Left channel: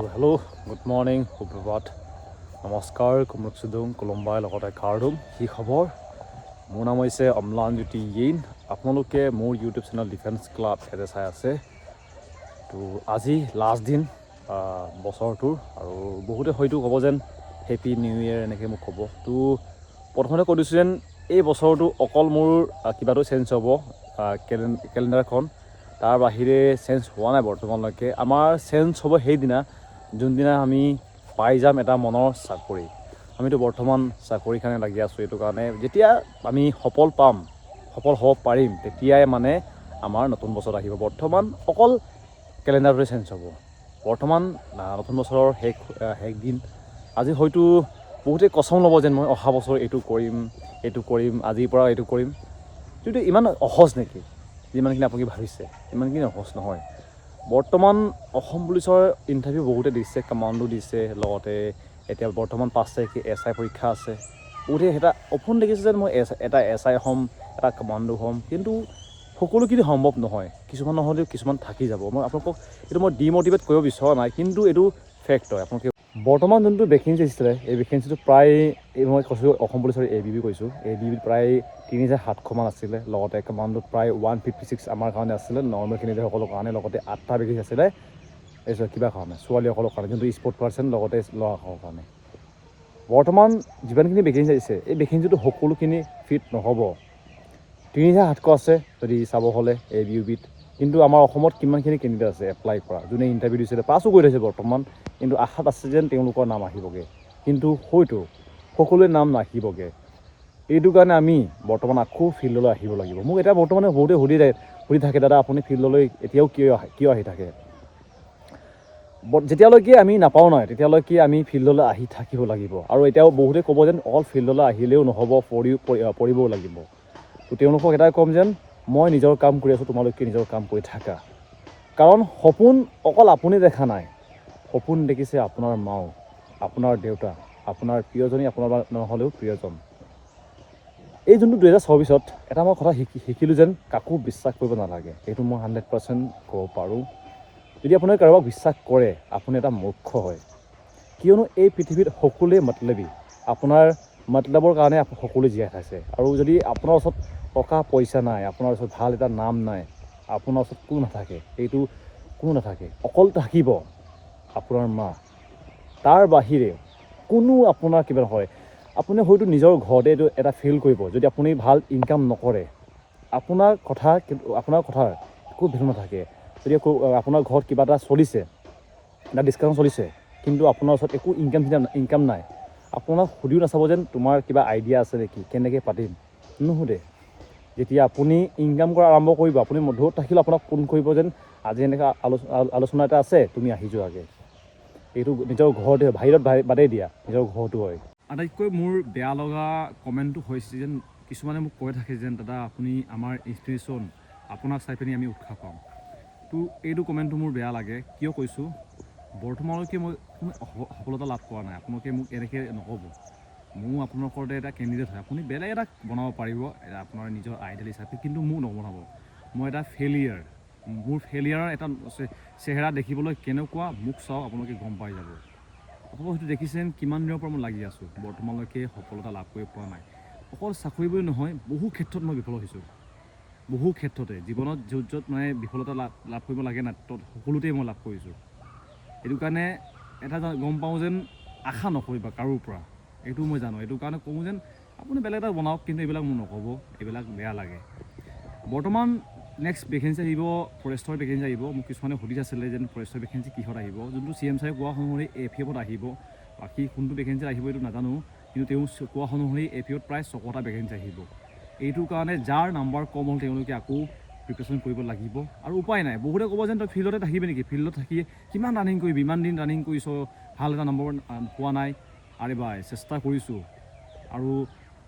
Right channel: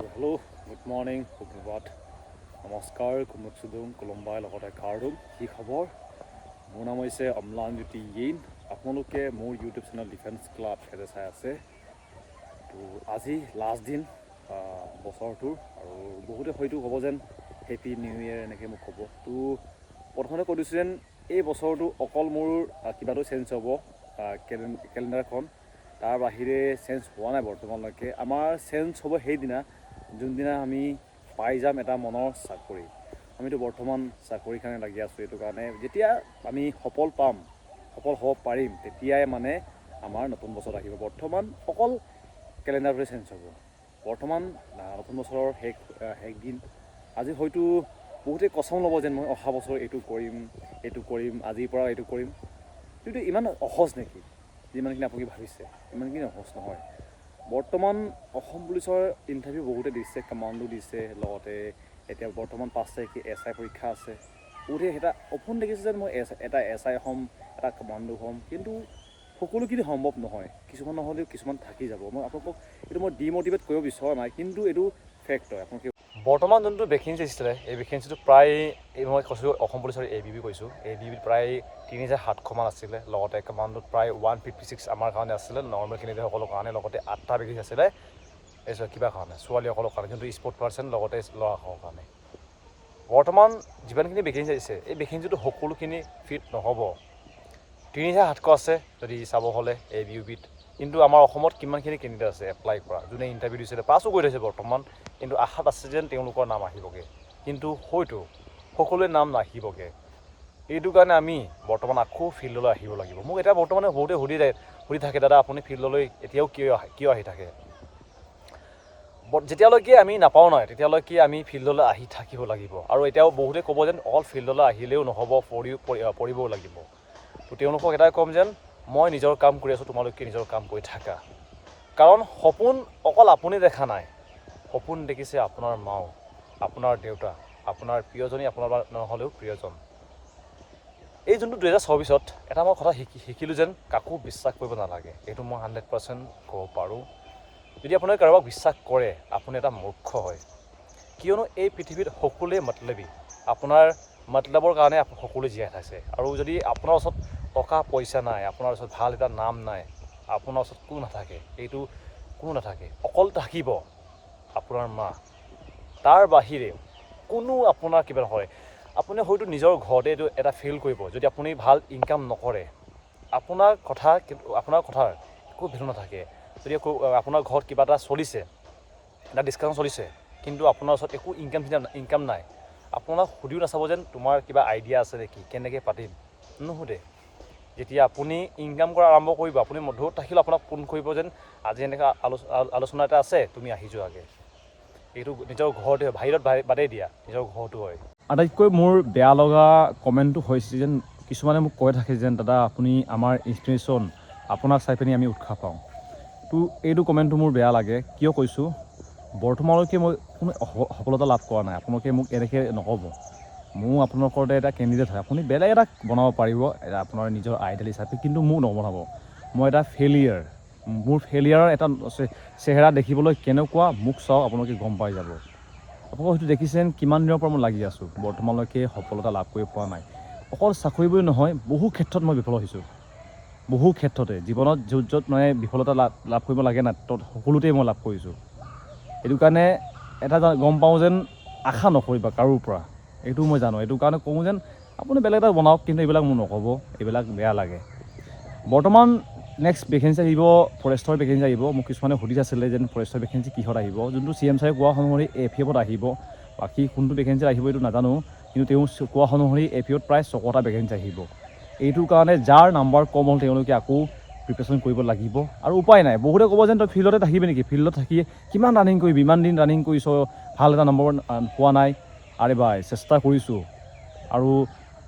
Hello' good morning সুপ্ৰভাত নমস্কাৰ কুমুক চুদুং কোলম্বাই লগতে কাৰ্ডুম কি খবৰ মোৰ নাম হৈছে অম্লানজ্যোতি য়েইন আপোনালোকে মোৰ ইউটিউব চেনেল ডিফেন্স ক্লাব এতে চাই আছে তো আজি লাষ্ট দিন বছৰটোৰ আৰু বহুতে হয়তো ক'ব যেন হেপী নিউ ইয়েৰ এনেকৈ মোক ক'ব তো প্ৰথমতে কৈ দিছোঁ যেন এই বছৰটো অকল মোৰ কিবাটো চেঞ্জ হ'ব কেলেণ্ডাৰখন তাৰ বাহিৰে চেঞ্জ হোৱা নাই বৰ্তমানলৈকে আমাৰ চেঞ্জ হ'ব সেইদিনা যোনদিনা আমি পাই যাম এটা মনৰ চাকৰি আমিতো বৰ্তমান চাকৰিৰ কাৰণে লাগি আছোঁ এইটো কাৰণে যেতিয়া আমি সফল হ'ব পাৰিম তেতিয়াই মানে আমাৰ নতুন বছৰ আহিব বৰ্তমান অকল কেলেণ্ডাৰটোৱে চেঞ্জ হ'ব বৰ্তমান নতুন বছৰৰ শেষ দিন আজি হয়তো বহুতে কচম ল'ব যেন মই অহা বছৰ এইটো কৰিম আজিৰ পৰা এইটো কৰিম কিন্তু ইমান সহজ নেকি যিমানখিনি আপুনি ভাবিছে ইমানখিনি সহজ নহয় বৰ্তমান অসম পুলিচৰ ইণ্টাৰভিউ বহুতে দিছে কামাণ্ডো দিছে লগতে এতিয়া বৰ্তমান 5 তাৰিখে SI পৰীক্ষা আছে বহুতে এটা অপোন দেখিছে যেন মই এটা SI হ'ম এটা কামাণ্ডো হ'ম কিন্তু সকলোখিনি সম্ভৱ নহয় কিছুমান নহ'লেও কিছুমান থাকি যাব মই আপোনালোকক এইটো মই ডিম'টিভেট কৰিব বিচৰা নাই কিন্তু এইটো ফেক্ট হয় আপোনালোকে বৰ্তমান যোনটো ভেকেঞ্চি আহিছিলে এই ভেকেঞ্চিটো প্ৰায় মই কৈছোঁ অসম পুলিচৰ ABB কৈছোঁ ABBত প্ৰায় 3700মান আছিলে লগতে কামাণ্ডোত প্ৰায় 156 আমাৰ কাৰণে আছিলে নৰ্মেল কেণ্ডিডেটসকলৰ কাৰণে লগতে 8টা ভেকেঞ্চি আছিলে কিবা কাৰণে ছোৱালীসকলৰ কাৰণে যোনটো স্পৰ্ট পাৰ্চন লগতে ল'ৰাসকলৰ কাৰণে বৰ্তমান যিমানখিনি ভেকেঞ্চি আহিছে এই ভেকেঞ্চিটো সকলোখিনি ফিট নহ'ব 3700 আছে যদি চাব হ'লে ABBত কিন্তু আমাৰ অসমত কিমানখিনি কেণ্ডিডেট আছে এপ্লাই কৰা যোনে ইণ্টাৰভিউ দিছিলে পাছো কৰি থৈছে বৰ্তমান কিন্তু আশাত আছে যেন তেওঁলোকৰ নাম আহিবগৈ কিন্তু হয়তো সকলোৱে নাম নাহিবগৈ এইটো কাৰণে আমি বৰ্তমান আকৌ ফিল্ডলৈ আহিব লাগিব মোক এতিয়া বৰ্তমানে বহুতে সুধি থাকে দাদা আপুনি ফিল্ডলৈ এতিয়াও কিয় আহি থাকে যেতিয়ালৈকে আমি নাপাওঁ নাই তেতিয়ালৈকে আমি ফিল্ডলৈ আহি থাকিব লাগিব আৰু এতিয়াও বহুতে ক'ব যেন অকল ফিল্ডলৈ আহিলেও নহ'ব পৰিবও লাগিব তো তেওঁলোকক এটাই ক'ম যেন মই নিজৰ কাম কৰি আছোঁ তোমালোকে নিজৰ কাম কৰি থাকা কাৰণ সপোন অকল আপুনি দেখা নাই সপোন দেখিছে আপোনাৰ মাও আপোনাৰ দেউতা আপোনাৰ প্ৰিয়জনী আপোনাৰ নহ'লেও প্ৰিয়জন এই যোনটো 2024ত এটা মই কথা শিকিলোঁ যেন কাকো বিশ্বাস কৰিব নালাগে এইটো মই 100% ক'ব পাৰোঁ যদি আপুনি কাৰোবাক বিশ্বাস কৰে আপুনি এটা মূৰ্খ হয় কিয়নো এই পৃথিৱীত সকলোৱে মতলবী আপোনাৰ মতলবৰ কাৰণে সকলোৱে জীয়াই থাকে আৰু যদি আপোনাৰ ওচৰত টকা পইচা নাই আপোনাৰ ওচৰত ভাল এটা নাম নাই আপোনাৰ ওচৰত কোনো নাথাকে অকল থাকিব আপোনাৰ মা তাৰ বাহিৰে কোনো আপোনাৰ কিবা নহয় আপুনি হয়তো নিজৰ ঘৰতে এইটো এটা ফিল কৰিব যদি আপুনি ভাল ইনকাম নকৰে আপোনাৰ কথাৰ একো ভেলু নাথাকে যদি আপোনাৰ ঘৰত কিবা এটা চলিছে এটা ডিছকাউণ্ট চলিছে কিন্তু আপোনাৰ ওচৰত একো ইনকাম নাই আপোনাক সুধিও নাচাব যেন তোমাৰ কিবা আইডিয়া আছে নেকি কেনেকৈ পাতিম নুসুধে যেতিয়া আপুনি ইনকাম কৰা আৰম্ভ কৰিব আপুনি দূৰত থাকিলেও আপোনাক ফোন কৰিব যেন আজি এনেকুৱা আলোচনা এটা আছে তুমি আহি যোৱাগৈ এইটো নিজৰ ঘৰতে হয় বাহিৰত বাদেই দিয়া নিজৰ ঘৰটো হয় আটাইতকৈ মোৰ বেয়া লগা কমেণ্টটো হৈছে যেন কিছুমানে মোক কৈ থাকে যেন দাদা আপুনি আমাৰ ইনস্পিৰেশ্যন আপোনাক চাই পিনি আমি উৎসাহ পাওঁ তো এইটো কমেণ্টটো মোৰ বেয়া লাগে কিয় কৈছোঁ বৰ্তমানলৈকে মই কোনো সফলতা লাভ কৰা নাই আপোনালোকে মোক এনেকৈ নক'ব মোৰ আপোনালোকৰ এটা কেণ্ডিডেট হয় আপুনি বেলেগ এটা বনাব পাৰিব আপোনাৰ নিজৰ আইডিয়েল হিচাপে কিন্তু মোক নবনাব মই এটা ফেইলিয়াৰ মোৰ ফেইলিয়াৰৰ এটা চেহেৰা দেখিবলৈ কেনেকুৱা মোক চাওক আপোনালোকে গম পাই যাব আপোনালোকে হয়তো দেখিছেন কিমান দিনৰ পৰা মই লাগি আছোঁ বৰ্তমানলৈকে সফলতা লাভ কৰিব পৰা নাই অকল চাকৰি বুলি নহয় বহু ক্ষেত্ৰত মই বিফল হৈছোঁ বহু ক্ষেত্ৰতে জীৱনত য'ত মানে বিফলতা লাভ কৰিব লাগে নাই তত সকলোতেই মই লাভ কৰিছোঁ এইটো কাৰণে এটা গম পাওঁ যেন আশা নকৰিবা কাৰোৰ পৰা এইটো মই জানো এইটো কাৰণে কওঁ যেন আপুনি বেলেগ এটা বনাওক কিন্তু এইবিলাক মোক নক'ব এইবিলাক বেয়া লাগে বৰ্তমান নেক্সট ভেকেঞ্চি আহিব ফৰেষ্টৰ ভেকেঞ্চি আহিব মোক কিছুমানে সুধি আছিলে যেন ফৰেষ্টৰ ভেকেঞ্চি কিহত আহিব যোনটো CM ছাৰে কোৱা অনুসৰি AFFত আহিব বাকী কোনটো ভেকেঞ্চি আহিব এইটো নাজানো কিন্তু তেওঁ কোৱা অনুসৰি AFFত প্ৰায় 6টা ভেকেঞ্চি আহিব এইটোৰ কাৰণে যাৰ নাম্বাৰ কম হ'ল তেওঁলোকে আকৌ প্ৰিপেৰেশ্যন কৰিব লাগিব আৰু উপায় নাই বহুতে ক'ব যেন তই ফিল্ডতে থাকিবি নেকি ফিল্ডত থাকি কিমান ৰানিং কৰিবি ইমান দিন ৰানিং কৰিছ ভাল এটা নম্বৰ পোৱা নাই আৰে ভাই চেষ্টা কৰিছোঁ আৰু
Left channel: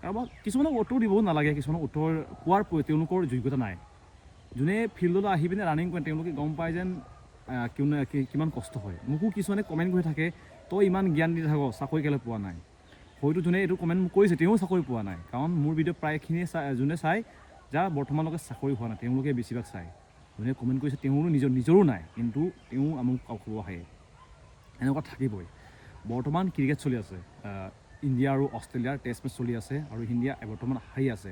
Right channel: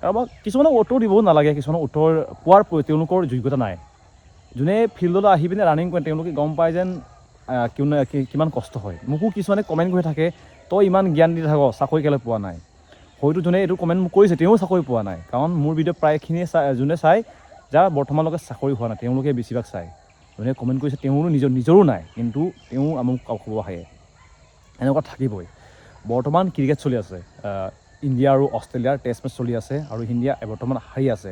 কাৰোবাক কিছুমানক উত্তৰ দিবও নালাগে কিছুমানক উত্তৰ পোৱাৰ তেওঁলোকৰ যোগ্যতা নাই যোনে ফিল্ডলৈ আহি পিনে ৰানিং কৰে তেওঁলোকে গম পায় যেন কিমান কষ্ট হয় মোকো কিছুমানে কমেণ্ট কৰি থাকে তই ইমান জ্ঞান দি থাক চাকৰি কেলৈ পোৱা নাই হয়তো যোনে এইটো কমেণ্ট মোক কৰিছে তেওঁ চাকৰি পোৱা নাই কাৰণ মোৰ ভিডিঅ' প্ৰায়খিনিয়ে যোনে চাই যাৰ বৰ্তমানলৈকে চাকৰি হোৱা নাই তেওঁলোকে বেছিভাগ চায় যোনে কমেণ্ট কৰিছে তেওঁৰো নিজৰো নাই কিন্তু তেওঁ মোক ক'ব আহে এনেকুৱা থাকিবই। বৰ্তমান ক্ৰিকেট চলি আছে, ইণ্ডিয়া আৰু অষ্ট্ৰেলিয়াৰ টেষ্ট মেচ চলি আছে আৰু ইণ্ডিয়া বৰ্তমান হাৰি আছে।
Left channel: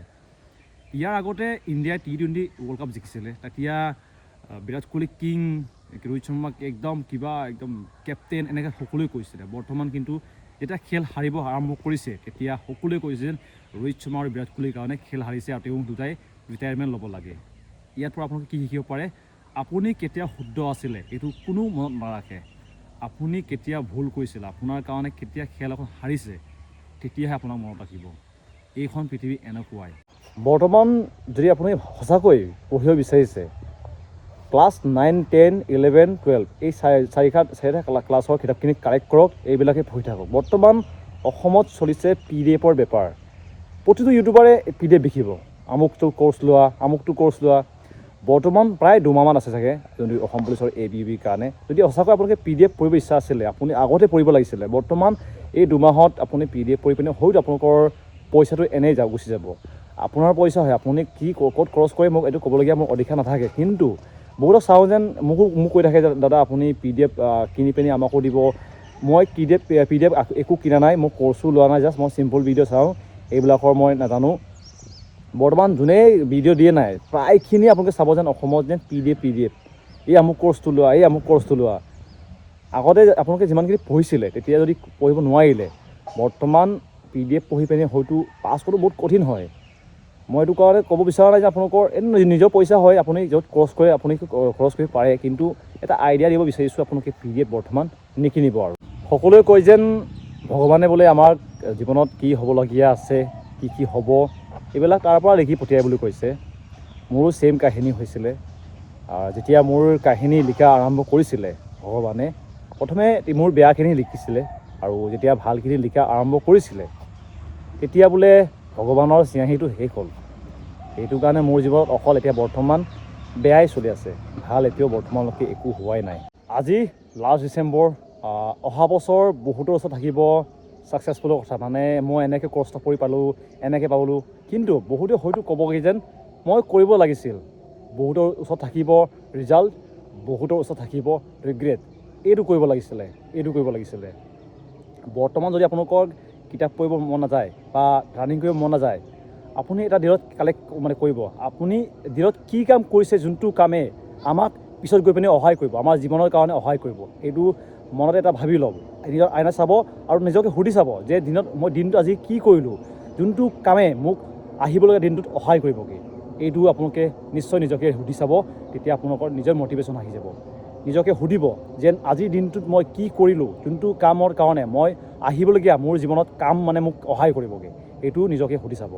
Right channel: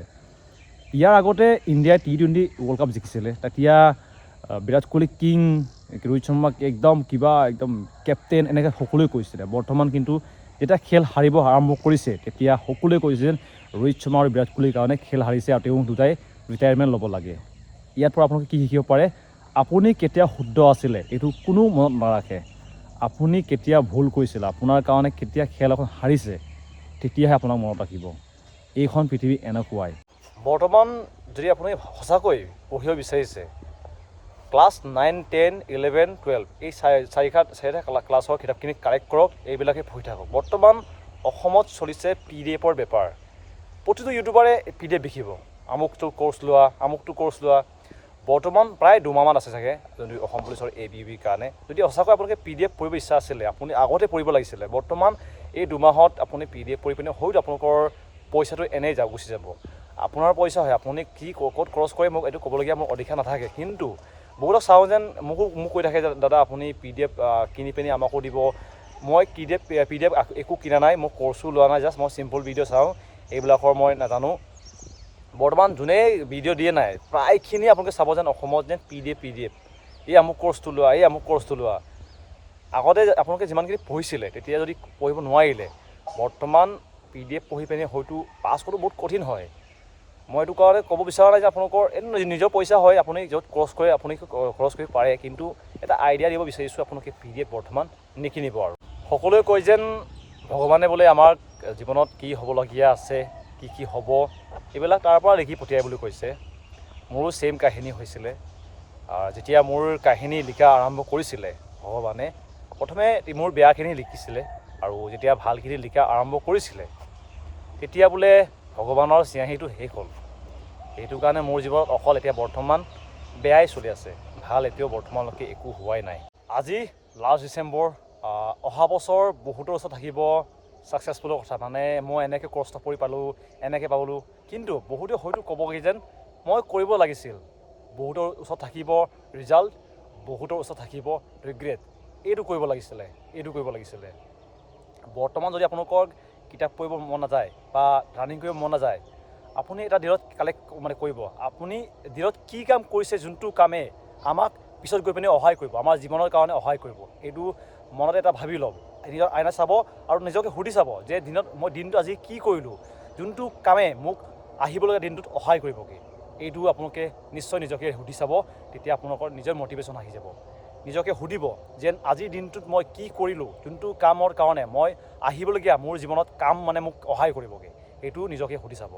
ইয়াৰ আগতে ইণ্ডিয়াই T20 ৱৰ্ল্ড কাপ জিকিছিলে। তেতিয়া বিৰাট কোহলি কিং, ৰোহিত শৰ্মাক একদম কেপ্টেইন এনেকৈ সকলোৱে কৈছিলে। বৰ্তমান কিন্তু যেতিয়া খেল হাৰিব আৰম্ভ কৰিছে তেতিয়া সকলোৱে কৈছে যেন ৰোহিত শৰ্মা আৰু বিৰাট কোহলিৰ কাৰণে খেল হাৰিছে আৰু তেওঁ দুটাই ৰিটায়াৰমেণ্ট ল'ব লাগে। ইয়াৰ পৰা আপোনালোকে কি শিকিব পাৰে? আপুনি কেতিয়া শুদ্ধ আছিলে এইটো কোনো মনত নাৰাখে। আপুনি কেতিয়া ভুল কৰিছিলে, আপোনাৰ কাৰণে কেতিয়া খেল এখন হাৰিছে, তেতিয়াহে আপোনাক মনত ৰাখিব। এইখন পৃথিৱী এনেকুৱাই। বৰ্তমান যদি আপুনি সঁচাকৈ পঢ়িব বিচাৰিছে, ক্লাছ 9, 10, 11, 12 এই চাৰিটা ক্লাছৰ কিতাপখিনি কালেক্ট কৰক, এইবিলাকে পঢ়ি থাকক। বৰ্তমান অসমত চলিছে PDF-ৰ বেপাৰ। প্ৰতিটো ইউটিউবাৰে PDF বিকিব, আমুকটো কোৰ্চ লোৱা। বৰ্তমান প্ৰায় 2 মাহমান আছে চাগে যদি অসম পুলিচৰ ABUBৰ কাৰণে। যদি সঁচাকৈ আপোনালোকে PDF পঢ়িব ইচ্ছা আছিলে, আপুনি আগতে পঢ়িব লাগিছিলে। বৰ্তমান এই 2 মাহত আপুনি PDF পঢ়ি পিনে হয়তো আপোনালোকৰ পইচাটো এনেই গুচি যাব। আপোনাৰ পইচা হয়, আপুনি ক'ত খৰচ কৰে মোক এইটো ক'বলগীয়া মোৰ অধিকাৰ নাথাকে। কিন্তু বহুতক চাওঁ যেন মোক কৈ থাকে যে দাদা আপুনি PDF কিনি পিনি আমাকো দিব। মই PDF একো কিনা নাই, মই কোৰ্চো লোৱা নাই, জাষ্ট মই চিম্পল ভিডিঅ' চাওঁ, এইবিলাকৰ মই নাজানো। বৰ্তমান যোনে ভিডিঅ' দিয়ে নাই প্ৰায়খিনি আপোনালোকে চাব যেন অসমত যেন PDF এই আমুক কোৰ্চটো লোৱা। আগতে আপোনালোকে যিমানখিনি পঢ়িছিলে তেতিয়া যদি পঢ়িব নোৱাৰিলে, বৰ্তমান PDF পঢ়ি পিনে হয়তো পাছ কৰাটো বহুত কঠিন হয়। মই এইটো কাৰণে ক'ব বিচৰা নাই যে আপোনালোকৰ নিজৰ পইচা হয়, আপুনি য'ত খৰচ কৰে আপুনি খৰচ কৰিব পাৰে, কিন্তু এটা আইডিয়া দিব বিচাৰিছোঁ আপোনালোকে PDF বৰ্তমান নিকিনিব। আৰু সকলোৱে কয় যেন ভগৱানে বোলে আমাৰ জীৱনত কি হ'বলগীয়া আছে, কি হ'ব, এইবিলাক তাৰ পৰা লিখি পঠিয়াই বুলি কৈছে। মোৰো ছেইম কাহিনী হৈছিলে। যেতিয়া মোৰ কাহিনী লিখা আৰম্ভ কৰিছিলে ভগৱানে, প্ৰথমে মোৰ বেয়াখিনি লিখিছিলে আৰু যেতিয়া ভালখিনি লিখা আৰম্ভ কৰিছিলে তেতিয়া বোলে ভগৱানৰ চিনাহীটো শেষ হ'ল। সেইটো কাৰণে মোৰ জীৱনত অকল এতিয়া বৰ্তমান বেয়াই চলি আছে, ভাল এতিয়াও বৰ্তমানলৈকে একো হোৱাই নাই। আজি লাষ্ট ডিচেম্বৰ, অহা বছৰ বহুতৰ ওচৰত থাকিব ছাকচেছফুলৰ কথা, মানে মই এনেকৈ কষ্ট কৰি পালোঁ, এনেকৈ পালোঁ। কিন্তু বহুতে হয়তো ক'বগৈ যেন মই কৰিব লাগিছিল। বহুতৰ ওচৰত থাকিব ৰিজাল্ট, বহুতৰ ওচৰত থাকিব ৰিগ্ৰেট। এইটো কৰিব লাগিছিলে। বৰ্তমান যদি আপোনালোকৰ কিতাপ পঢ়িব মন নাযায় বা ৰানিং কৰিব মন নাযায়, আপুনি এটা দিনত কৰিব। আপুনি দিনত কি কাম কৰিছে, যোনটো কামে আমাক পিছত গৈ পিনে সহায় কৰিব, আমাৰ জীৱনৰ কাৰণে সহায় কৰিব, এইটো মনতে এটা ভাবি ল'ব। নিজৰ আইনা চাব আৰু নিজকে সুধি চাব যে মই দিনটো আজি কি কৰিলোঁ, যোনটো কামে মোক আহিবলগীয়া দিনটোত সহায় কৰিবগৈ। এইটো আপোনালোকে নিশ্চয় নিজকে সুধি চাব, তেতিয়া আপোনালোকৰ নিজৰ মটিভেশ্যন আহি যাব। নিজকে সুধিব যেন আজিৰ দিনটোত মই কি কৰিলোঁ, যোনটো কামৰ কাৰণে মই আহিবলগীয়া মোৰ জীৱনত কাম মানে মোক সহায় কৰিবগৈ, এইটো নিজকে সুধি চাব।